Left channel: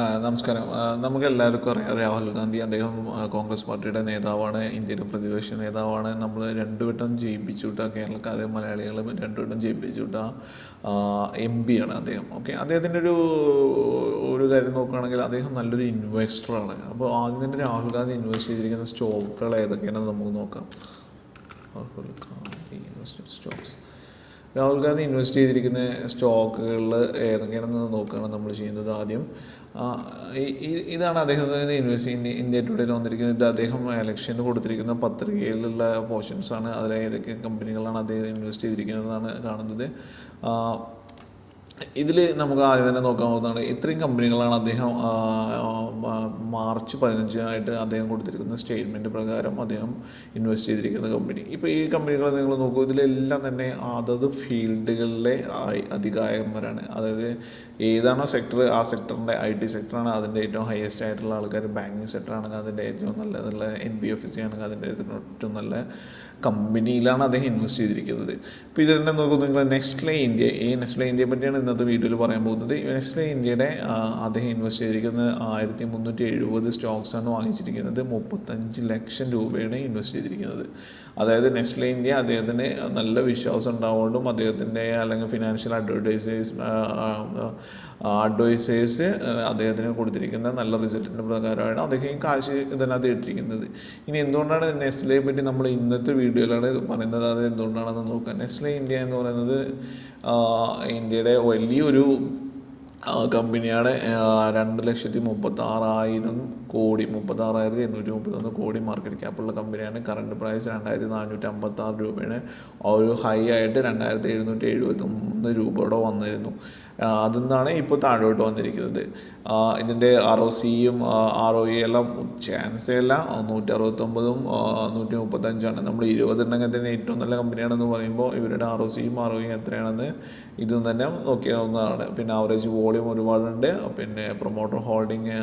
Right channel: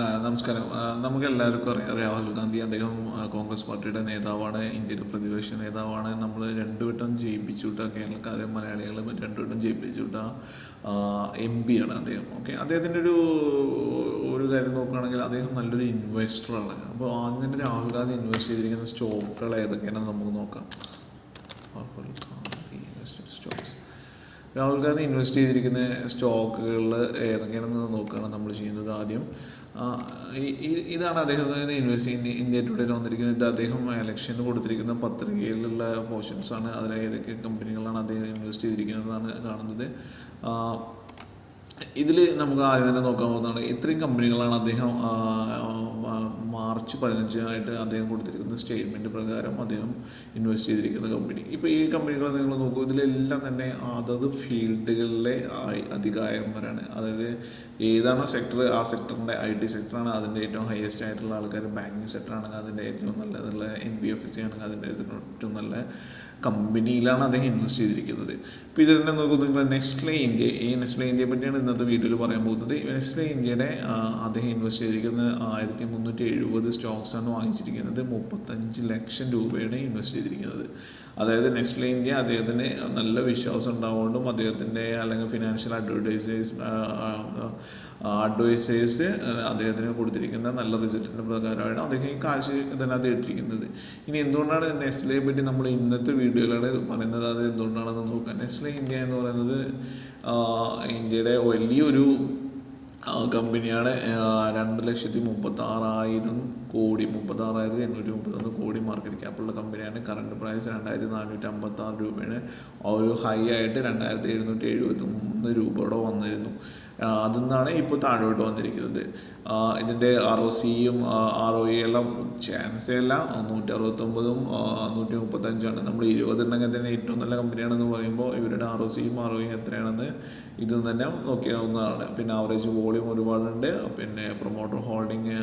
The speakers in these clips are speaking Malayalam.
നമസ്കാരം. നമുക്കെല്ലാവർക്കും അറിയാം രാഹുൽ ഗാന്ധി. അദ്ദേഹം കോൺഗ്രസ് പാർട്ടിയുടെ നേതാവാണ്, ഇന്ത്യയുടെ പ്രതിപക്ഷ നേതാവാണ്. നമ്മൾ രണ്ടു വട്ടം ജയിപ്പിച്ചു വിട്ട കേരളക്കാരും മലയാളികളും രണ്ടു വട്ടം ജയിപ്പിച്ചു വിട്ട എം പിയാണ് അദ്ദേഹം. ഓക്കെ, അദ്ദേഹത്തിൻ്റെ ഒരു കാര്യം നോക്കുകയാണെങ്കിൽ അദ്ദേഹം നല്ലൊരു ഇൻവെസ്റ്ററാണ്. അപ്പോൾ ആദ്യം തന്നെ രാഹുൽ ഗാന്ധി ഇൻവെസ്റ്റ് ചെയ്തിരിക്കുന്ന സ്റ്റോക്കുകൾ ഏതൊക്കെയാണെന്ന് നമുക്ക് നോക്കാം. Rahul Gandhi invested stocks. Rahul Gandhi invest ചെയ്തിരിക്കുന്ന സ്റ്റോക്കുകളിൽ ഏതൊക്കെയാണെന്ന് നോക്കുകയാണ് നമ്മൾ ചെയ്യുന്നത്. ആദ്യം ഇതാണ് അദ്ദേഹത്തിന് ഇൻവെസ്റ്റ് ചെയ്യുന്ന ഇന്ത്യ ടുഡേയിൽ വന്നിരിക്കുന്നത്. ഇത് അദ്ദേഹം ഇലക്ഷന് കൊടുത്തിരിക്കുന്ന പത്രികയിലുള്ള പോർഷൻസാണ്. അതിൽ ഏതൊക്കെ കമ്പനികളാണ് അദ്ദേഹം ഇൻവെസ്റ്റ് ചെയ്തിരിക്കുന്നതാണ് കാണുന്നത്. ഇതിൽ നമുക്ക് ആദ്യം തന്നെ നോക്കാൻ പോകുന്നതാണ് ഇത്രയും കമ്പനികളാണ് അദ്ദേഹം മാർച്ച് 15 അദ്ദേഹം കൊടുത്തിരിക്കുന്ന സ്റ്റേറ്റ്മെൻറ്റ് പ്രകാരം അദ്ദേഹം ഇൻവെസ്റ്റ് ചെയ്തിരിക്കുന്ന കമ്പനി. ഇപ്പോൾ ഈ കമ്പനികൾ നിങ്ങൾ നോക്കൂ, ഇതിലെല്ലാം തന്നെ അതത് ഫീൽഡുകളിലെ അധികായന്മാരാണ്. അതായത് ഏതാണോ സെക്ടർ, ആ സെക്ടറിൻ്റെ IT സെക്ടറാണ് അതിൻ്റെ ഏറ്റവും ഹയസ്റ്റ് ആയിട്ടുള്ള ആൾക്കാർ. ബാങ്കിങ് സെക്ടറാണെങ്കിൽ അതിൻ്റെ ഏറ്റവും നല്ലതുള്ള NBFC ആണെങ്കിൽ അതിൻ്റെ ഏറ്റവും നല്ല കമ്പനിയിലാണ് അദ്ദേഹം ഇൻവെസ്റ്റ് ചെയ്തിരിക്കുന്നത്. ഇപ്പോൾ ഇതിൽ തന്നെ നോക്കുമ്പോൾ നിങ്ങൾ നെസ്ലെ ഇന്ത്യ, നെസ്ലെ ഇന്ത്യയെ പറ്റിയാണ് ഇന്നത്തെ വീഡിയോയിൽ പറയാൻ പോകുന്നത്. നെസ്ലെ ഇന്ത്യയുടെ അദ്ദേഹം ഇൻവെസ്റ്റ് ചെയ്തിരിക്കുന്നത് 1370 സ്റ്റോക്സാണ് വാങ്ങിച്ചിരിക്കുന്നത്. 35 ലക്ഷം രൂപയാണ് ഇൻവെസ്റ്റ് ചെയ്തിരിക്കുന്നത്. അതായത് നെസ്ലെ ഇന്ത്യ അദ്ദേഹത്തിന് നല്ല വിശ്വാസം ഉണ്ടാവുകൊണ്ടും അദ്ദേഹത്തിൻ്റെ അല്ലെങ്കിൽ ഫിനാൻഷ്യൽ അഡ്വൈസേഴ്സ് അദ്ദേഹത്തിന് കൊടുത്തിരിക്കുന്ന നല്ല റിസൾട്ടിൻ്റെ പ്രകാരമാണ് അദ്ദേഹം ഈ കാശ് ഇതിനകത്ത് ഇട്ടിരിക്കുന്നത്. ഇനി എന്തുകൊണ്ടാണ് നെസ്ലയെ പറ്റി നമ്മൾ ഇന്നത്തെ വീഡിയോയിലാണ് പറയുന്നത്, അത് എന്തുകൊണ്ടാണെന്ന് നോക്കാം. നെസ്ലെ ഇന്ത്യ എന്ന് പറയുന്നത് ഇന്ത്യയുടെ വലിയൊരു കമ്പനിയാണ്. 2,36,000 കോടി, 36,831 കോടി മാർക്കറ്റ് ക്യാപ്പുള്ള കമ്പനിയാണ്. കറണ്ട് പ്രൈസ് 2,456 രൂപയാണ്. ഒരു ഹൈ ആയിട്ട് 2,771 രൂപയോടെ വന്നിരുന്നു. അതിൽ നിന്നാണ് ഇപ്പോൾ താഴോട്ട് വന്നിരിക്കുന്നത്. ഇതിൻ്റെ ROCയും ROE എല്ലാം ചാൻസേ ഇല്ല. 169ഉം 135ആണ്. നമ്മൾ 20 ഉണ്ടെങ്കിൽ തന്നെ ഏറ്റവും നല്ല കമ്പനിയാണെന്ന് പറയുമ്പോൾ ഇവരുടെ ROCയും ROEയും എത്രയാണെന്ന് ഇത് തന്നെ നോക്കിയാവുന്നതാണ്. പിന്നെ ആവറേജ് വോളിയം ഒരുപാടുണ്ട്. പിന്നെ പ്രൊമോട്ടർ ഹോൾഡിങ്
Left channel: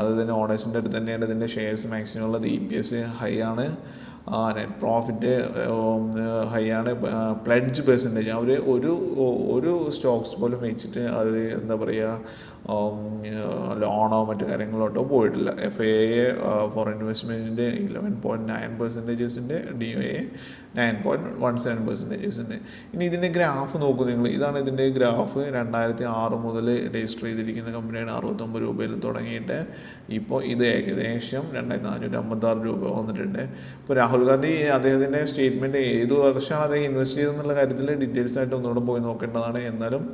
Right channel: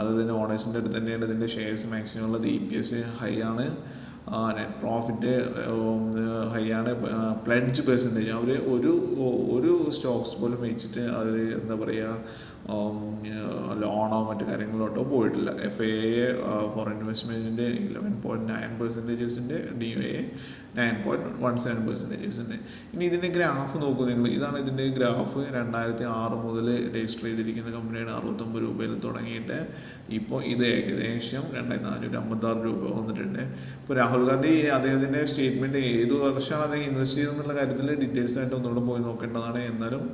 അത് തന്നെ ഓണേഴ്സിൻ്റെ അടുത്ത് തന്നെയാണ്. ഇതിൻ്റെ ഷെയർസ് മാക്സിമം ഉള്ളത്. EPS ഹൈ ആണ്. നെറ്റ് പ്രോഫിറ്റ് ഹൈ ആണ്. പ്ലെഡ്ജ് പെർസെൻറ്റേജ് അവർ ഒരു സ്റ്റോക്സ് പോലും വെച്ചിട്ട് അവർ എന്താ പറയുക ലോണോ മറ്റു കാര്യങ്ങളോട്ടോ പോയിട്ടില്ല. FII ഫോറിൻ ഇൻവെസ്റ്റ്മെൻറ്റിൻ്റെ 11.9%, DOA 9.17%. ഇനി ഇതിൻ്റെ ഗ്രാഫ് നോക്കൂ നിങ്ങൾ. ഇതാണ് ഇതിൻ്റെ ഗ്രാഫ്. 2006 മുതൽ രജിസ്റ്റർ ചെയ്തിരിക്കുന്ന കമ്പനിയാണ്. 69 രൂപയിൽ തുടങ്ങിയിട്ട് ഇപ്പോൾ ഇത് ഏകദേശം 2,456 രൂപ വന്നിട്ടുണ്ട്. ഇപ്പോൾ രാഹുൽ ഗാന്ധി അദ്ദേഹത്തിൻ്റെ സ്റ്റേറ്റ്മെൻറ്റ് ഏത് വർഷമാണ് അദ്ദേഹം ഇൻവെസ്റ്റ് ചെയ്തതെന്നുള്ള കാര്യത്തിൽ ഡീറ്റെയിൽസ് ആയിട്ട് ഒന്നുകൂടെ പോയി നോക്കേണ്ടതാണ്. എന്നാലും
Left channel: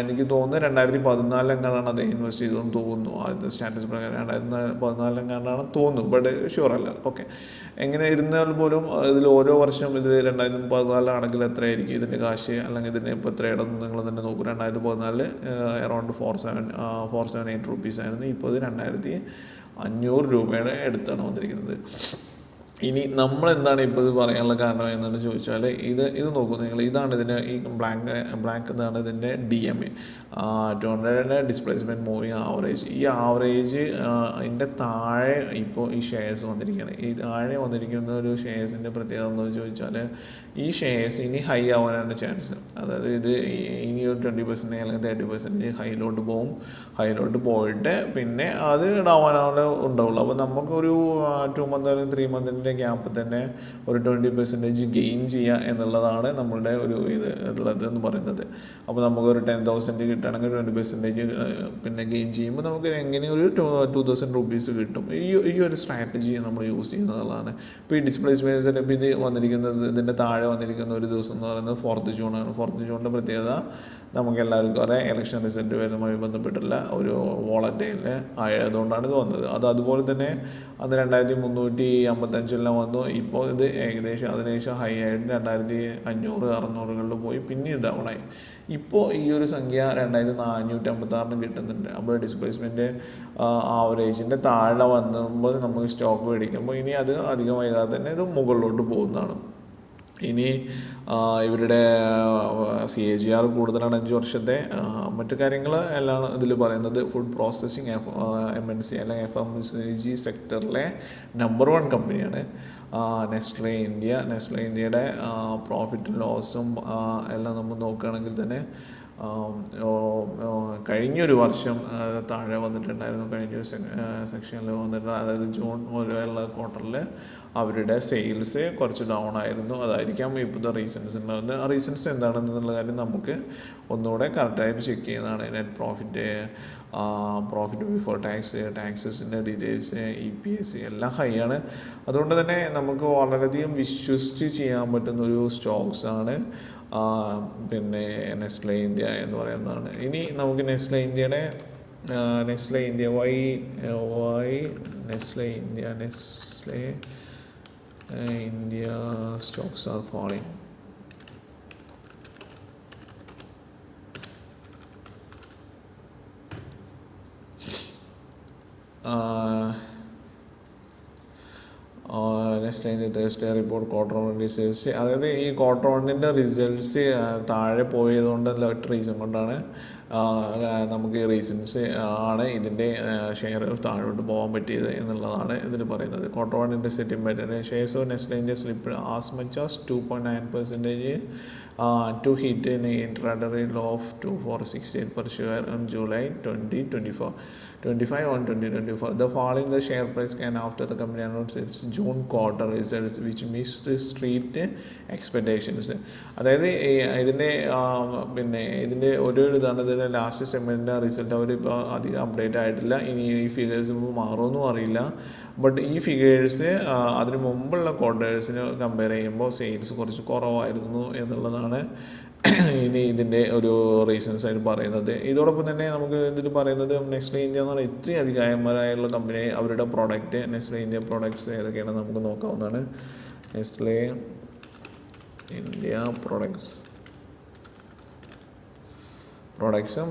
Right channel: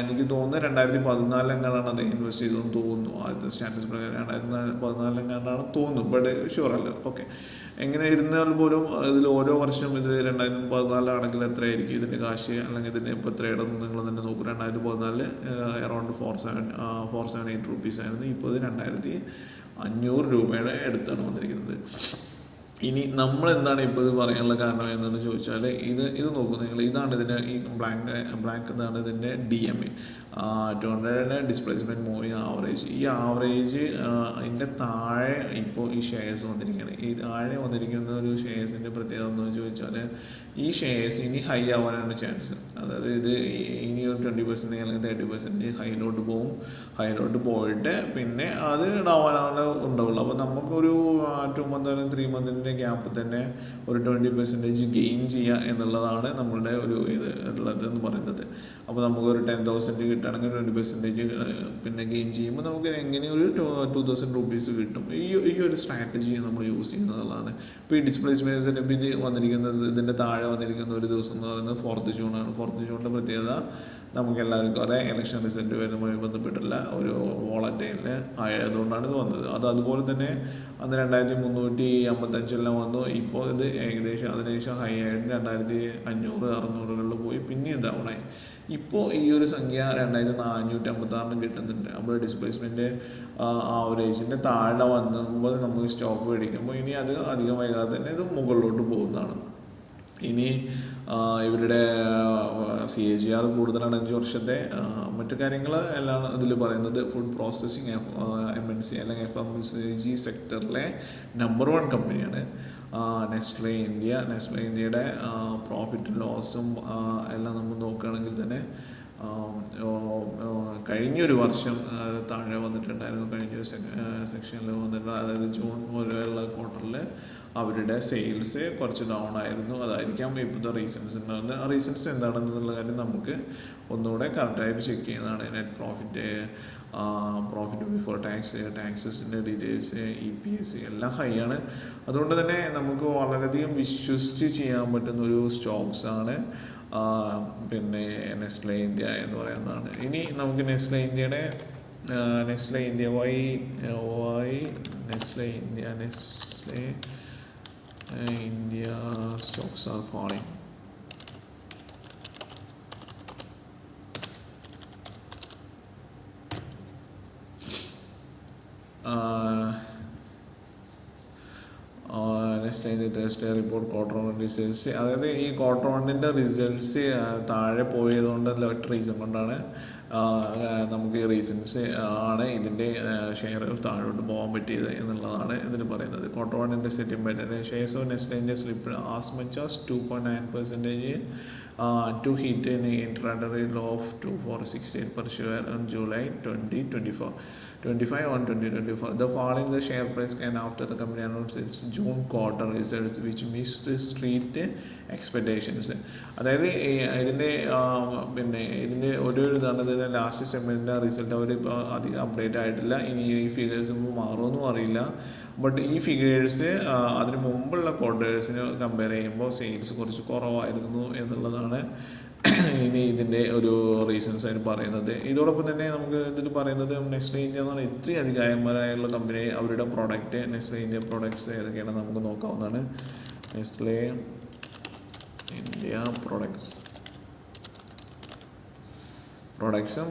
എനിക്ക് തോന്നുന്നത് 2014 എങ്ങാണ്ടാണ് അദ്ദേഹം ഇൻവെസ്റ്റ് ചെയ്തതെന്ന് തോന്നുന്നു. ആദ്യത്തെ സ്റ്റാറ്റസ് പ്രകാരം 2014 എങ്ങാണ്ടാണ് തോന്നുന്നു, ബട്ട് ഷുവറല്ല. ഓക്കെ, എങ്ങനെ ഇരുന്നാൽ പോലും ഇതിൽ ഓരോ വർഷം ഇത് 2014 ആണെങ്കിൽ എത്രയായിരിക്കും ഇതിൻ്റെ കാശ്, അല്ലെങ്കിൽ ഇതിന് ഇപ്പോൾ എത്രയാണെന്ന് നിങ്ങൾ തന്നെ നോക്കും. 2014 അറൗണ്ട് 478 റുപ്പീസ് ആയിരുന്നു. ഇപ്പോൾ ഇത് 2,500 രൂപയുടെ അടുത്താണ് വന്നിരിക്കുന്നത്. ഇനി നമ്മളെന്താണ് ഇപ്പോൾ ഇത് പറയാനുള്ള കാരണം എന്താണെന്ന് ചോദിച്ചാൽ ഇത് നോക്കൂ നിങ്ങൾ. ഇതാണ് ഇതിൻ്റെ ഈ ബ്ലാക്ക് ഇതാണ് ഇതിൻ്റെ DMA, 200 ഡിസ്പ്ലേസ്മെൻറ്റ് മൂവിങ് ആവറേജ്. ഈ ആവറേജ് ഇതിൻ്റെ താഴെ ഇപ്പോൾ ഈ ഷെയർസ് വന്നിരിക്കുകയാണ്. ഈ താഴെ വന്നിരിക്കുന്ന ഒരു ഷെയർസിൻ്റെ പ്രത്യേകത എന്താണെന്ന് ചോദിച്ചാൽ ഈ ഷെയർസ് ഇനി ഹൈ ആവാനാണ് ചാൻസ്. അതായത് ഇത് ഇനി ഒരു 20% അല്ലെങ്കിൽ 30% ഹൈയിലോട്ട് പോകും. ഹൈയിലോട്ട് പോയിട്ട് പിന്നെ അത് ഡൗൺ ഉണ്ടാവുള്ളൂ. അപ്പോൾ നമുക്കൊരു 2 മന്ത് അല്ലെങ്കിൽ 3 മന്തിൻ്റെ ഗ്യാപ്പിൽ തന്നെ ഒരു 20% ഗെയിൻ ചെയ്യുക എന്നുള്ളതാണ് നമ്മളുടെ ഒരു ഉള്ളത് എന്ന് പറയുന്നത്. അപ്പോൾ നമുക്കൊരു 10,000 കിട്ടുകയാണെങ്കിൽ 20% പിന്നെ ഗെയിൻ ചെയ്യുമ്പോൾ നമുക്ക് എങ്ങനെയും ഒരു 2,000 റുപ്പീസ് കിട്ടും. ഈ ഒരു സ്ട്രാറ്റജി നമ്മൾ യൂസ് ചെയ്യുന്നതാണ്. ഇപ്പോൾ ഈ ഡിസ്പ്ലേസ്മെൻറ്റ് ഇപ്പോൾ ഇത് വന്നിരിക്കുന്നത്, ഇതിൻ്റെ താഴെ വന്നിരിക്കുന്ന ഒരു ദിവസം എന്ന് പറയുന്നത് 4th ജൂണാണ്. 4th ജൂണിൻ്റെ പ്രത്യേകത നമുക്ക് എല്ലാവർക്കും അറിയാം. ഇലക്ഷൻ റിസൾട്ട് വരുന്നതുമായി ബന്ധപ്പെട്ടുള്ള ഒരു വോളറ്റൈൽ ആയതുകൊണ്ടാണ് ഇത് വന്നത്. അതുപോലെ തന്നെ അത് 2,355 വന്നു. ഇപ്പോൾ ഇത് ഏകദേശം അതിനുശേഷം ഹൈ ആയിട്ട് 2,500 600 പോയി പിന്നീട് ഡൗണായി. ഇപ്പോൾ ഈ ഒരു സംഖ്യ 2,456 കിട്ടുന്നുണ്ട്. അപ്പോൾ ഡിസ്പ്ലേസ്മെൻറ്റ് ആവറേജിൻ്റെ താഴെ വന്നുമ്പോൾ നമുക്ക് സ്റ്റോക്ക് മേടിക്കുമ്പോൾ ഇനി അത് അധികം വൈകാതെ തന്നെ ഇത് മുകളിലോട്ട് പോകുന്നതാണ്. ഇനി ഇവരുടെ CAGR കൂടുതലാണ് 5 വർഷത്തെ. മറ്റു കാര്യങ്ങൾ എല്ലാം ഇതിൽ പറയുന്നത് ഫുഡ് പ്രോസസ്സിങ് MNC അല്ലെങ്കിൽ FMCG സെക്ടറിലെ നമ്പർ 1 കമ്പനിയാണ് നെസ്ലെ ഇന്ത്യ. നെസ്ലെ ഇന്ത്യയുടെ പ്രോഫിറ്റും ലോസും എല്ലാം നമ്മൾ നോക്കുകയാണെങ്കിൽ തന്നെ കഴിഞ്ഞൊരു വർഷം താഴെ വന്നിട്ടുണ്ടായിരുന്നു. കഴിഞ്ഞൊരു സെക്ഷനിൽ വന്നിട്ട്, അതായത് ജൂൺ മുതലുള്ള ക്വാർട്ടറിൽ അവരുടെ സെയിൽസ് കുറച്ച് ഡൗൺ ആയിരുന്നു. അതായിരിക്കാം ഇപ്പോഴത്തെ റീസൺസ് ഉണ്ടാകുന്നത്. ആ റീസൺസ് എന്താണെന്നുള്ള കാര്യം നമുക്ക് ഒന്നുകൂടെ കറക്റ്റായിട്ട് ചെക്ക് ചെയ്യുന്നതാണ്. നെറ്റ് പ്രോഫിറ്റ്, പ്രോഫിറ്റ് ബിഫോർ ടാക്സസിൻ്റെ ഡീറ്റെയിൽസ്, EPS എല്ലാം ഹൈ ആണ്. അതുകൊണ്ട് തന്നെ നമുക്ക് വളരെയധികം വിശ്വസിച്ച് ചെയ്യാൻ പറ്റുന്നൊരു സ്റ്റോക്സാണ് പിന്നെ നെസ്ലെ ഇന്ത്യ എന്ന് പറയുന്നതാണ്. ഇനി നമുക്ക് നെസ്ലെ ഇന്ത്യയുടെ why Nestle India stocks are falling. Next line Thursday report quarter 1 results. അതായത് ഈ ക്വാർട്ടർ 1ൻ്റെ റിസൾട്ട്സ് താഴെ പോയതുകൊണ്ട് ഒറ്റ റീസൺ കൊണ്ടാണ് നമുക്ക് ഈ റീസൺസ് ആണ് ഇതിൻ്റെ ഷെയറുകൾ താഴോട്ട് പോകാൻ പറ്റിയത് എന്നുള്ളതാണ് ഇതിന് പറയുന്നത്. ക്വാർട്ടർ 1ൻ്റെ സെറ്റിൽമെൻറ്റിൻ്റെ shares of Nestle India slip as much as 2.9% to hit an intraday low of 2468 per share on July 2024. The fall in the share price came after the company announced its June quarter results, which missed street expectations. അതായത് ഇതിൻ്റെ ഒരു ഇതാണ്, ഇതിൻ്റെ ലാസ്റ്റ് സെമ്മിൻ്റെ റിസൾട്ട് അവരിപ്പോൾ അധികം അപ്ഡേറ്റ് ആയിട്ടില്ല. ഇനി ഈ ഫിഗേഴ്സ് മാറുമെന്നും അറിയില്ല. ബട്ട് ഈ ഫിഗേഴ്സ് അതിന് മുമ്പുള്ള ക്വാർട്ടേഴ്സിന് കമ്പയർ ചെയ്യുമ്പോൾ സെയിൽസ് കുറച്ച് കുറവായിരുന്നു എന്നുള്ളതാണ് ഇനി ഇതിൻ്റെ ഒരു റീസൺസ് ആയിട്ട് പറയുന്നത്. ഇതോടൊപ്പം തന്നെ നമുക്ക് ഇതിൽ പറയുന്നത് നെസ്ലെ ഇന്ത്യ എന്ന് പറഞ്ഞാൽ ഇത്രയും അധികായന്മാരായുള്ള കമ്പനി, അവരുടെ പ്രോഡക്റ്റ് നെസ്ലെ ഇന്ത്യ പ്രോഡക്ട്സ് ഏതൊക്കെയാണ് നമുക്ക് നോക്കാവുന്നതാണ്. നെസ്ലെ ഇന്ത്യ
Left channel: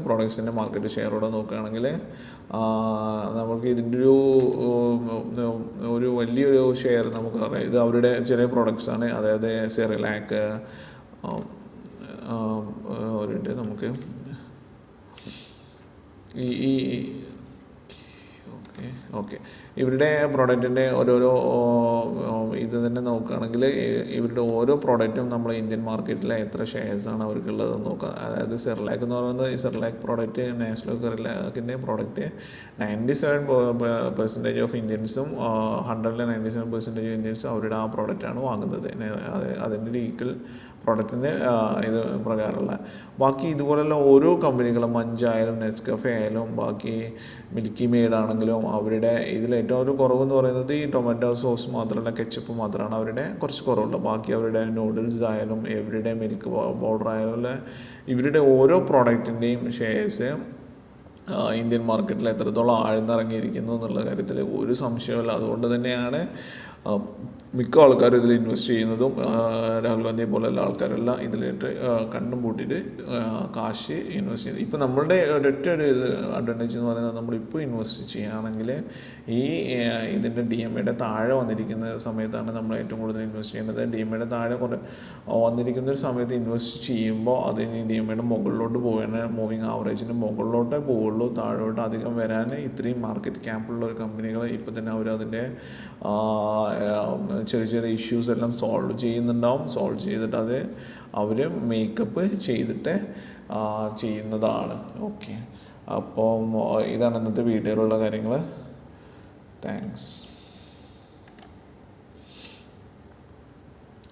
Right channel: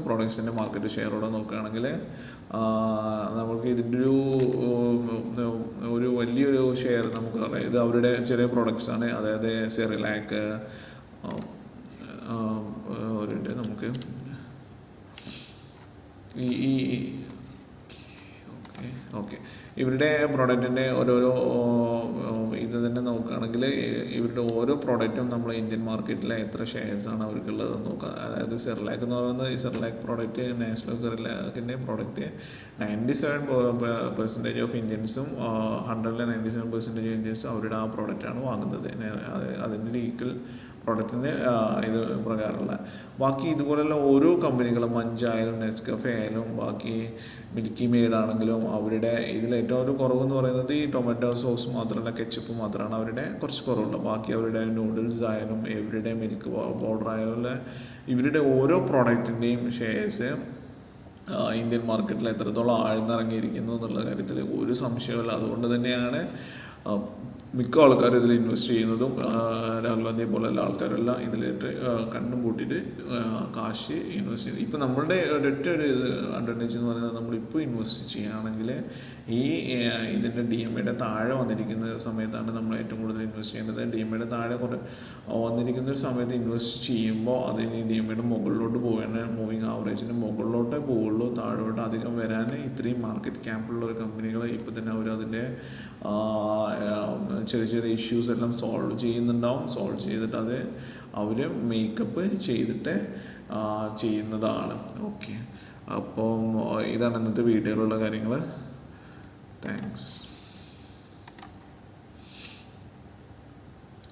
പ്രോഡക്ട്സിൻ്റെ മാർക്കറ്റ് ഷെയറോടെ നോക്കുകയാണെങ്കിൽ നമുക്ക് ഇതിൻ്റെ ഒരു വലിയൊരു ഷെയർ നമുക്ക് അറിയാം. ഇത് അവരുടെ ചെറിയ പ്രോഡക്ട്സാണ്. അതായത് സെറിലാക്ക് ഒരു നമുക്ക് ഓക്കെ ഇവരുടെ പ്രോഡക്റ്റിൻ്റെ ഓരോരോ ഇത് തന്നെ നോക്കുകയാണെങ്കിൽ ഇവരുടെ ഓരോ പ്രോഡക്റ്റും നമ്മൾ ഇന്ത്യൻ മാർക്കറ്റിൽ എത്ര ഷെയർസാണ് അവർക്കുള്ളത് നോക്കുക. അതായത് സെറിലാക്ക് എന്ന് പറയുന്നത് ഈ സെറിലാക്ക് പ്രോഡക്റ്റ്, നാഷണൽ സെറിലാക്കിൻ്റെ പ്രോഡക്റ്റ് 97% ഓഫ് ഇന്ത്യൻസും 197% ഓഫ് ഇന്ത്യൻസും അവരുടെ ആ പ്രോഡക്റ്റാണ് വാങ്ങുന്നത്. അതിൻ്റെ ഈക്വൽ പ്രോഡക്റ്റിൻ്റെ ഇത് പ്രകാരമുള്ള ബാക്കി ഇതുപോലുള്ള ഓരോ കമ്പനികളും മഞ്ചായാലും നെസ്കഫെ ആയാലും ബാക്കി മിൽക്കി മെയ്ഡ് ആണെങ്കിലും അവരുടെ ഇതിൽ ഏറ്റവും ഒരു കുറവെന്ന് പറയുന്നത് ഈ ടൊമാറ്റോ സോസ് മാത്രമല്ല, കെച്ചപ്പ് മാത്രമാണ് അവരുടെ കുറച്ച് കുറവുള്ളത്. ബാക്കി അവരുടെ നൂഡിൽസ് ആയാലും എവരിഡേ മിൽക്ക് പൗഡർ ആയാലും ഇവരുടെ ഓരോ പ്രോഡക്റ്റിൻ്റെയും ഷെയർസ് ഇന്ത്യൻ മാർക്കറ്റിൽ എത്രത്തോളം ആഴ്ന്നിറങ്ങിയിരിക്കുന്നു എന്നുള്ള കാര്യത്തിൽ ഒരു സംശയമില്ല. അതുകൊണ്ട് തന്നെയാണ് മിക്ക ആൾക്കാരും ഇതിൽ ഇൻവെസ്റ്റ് ചെയ്യുന്നതും. രാഹുൽ ഗാന്ധിയെ പോലെയുള്ള ആൾക്കാരെല്ലാം ഇതിലിട്ട് കണ്ടും കൂട്ടിയിട്ട് കാശ് ഇൻവെസ്റ്റ് ചെയ്യുന്നത്. ഇപ്പോൾ നമ്മളുടെ ഒരൊറ്റ ഒരു അഡ്വാൻറ്റേജ് എന്ന് പറയുന്നത് നമ്മളിപ്പോൾ ഇൻവെസ്റ്റ് ചെയ്യുകയാണെങ്കിൽ ഈ ഇതിൻ്റെ DMAയുടെ താഴെ വന്നിരിക്കുന്ന സമയത്താണ് നമ്മൾ ഏറ്റവും കൂടുതൽ ഇൻവെസ്റ്റ് ചെയ്യേണ്ടത്. DMAയുടെ താഴെ വന്നിരിക്കുന്ന ഒരു സമയത്ത് ഇൻവെസ്റ്റ് ചെയ്യുമ്പോൾ അതിന് DMAയുടെ മുകളിലോട്ട് പോകാൻ മൂവിങ് ആവറേജിൻ്റെ മുകളിലോട്ടേ പോവുള്ളൂ. താഴോട്ട് അധികം വരാൻ ഇത്രയും മാർക്കറ്റ് ക്യാപ്പുള്ള ഒരു കമ്പനികൾ ഇപ്പോൾ തന്നെ അവർ അതിൻ്റെ ചെറിയ ചെറിയ ഇഷ്യൂസ് എല്ലാം സോൾവ് ചെയ്തിട്ട് അത് അവർ മേക്കപ്പ് ചെയ്തിട്ട് ചെയ്യുന്നതാണ്. ഓക്കെ, അപ്പം ഇതാണ് ഇന്നത്തെ വീഡിയോയിലുള്ള കാര്യങ്ങൾ. താങ്ക്സ്.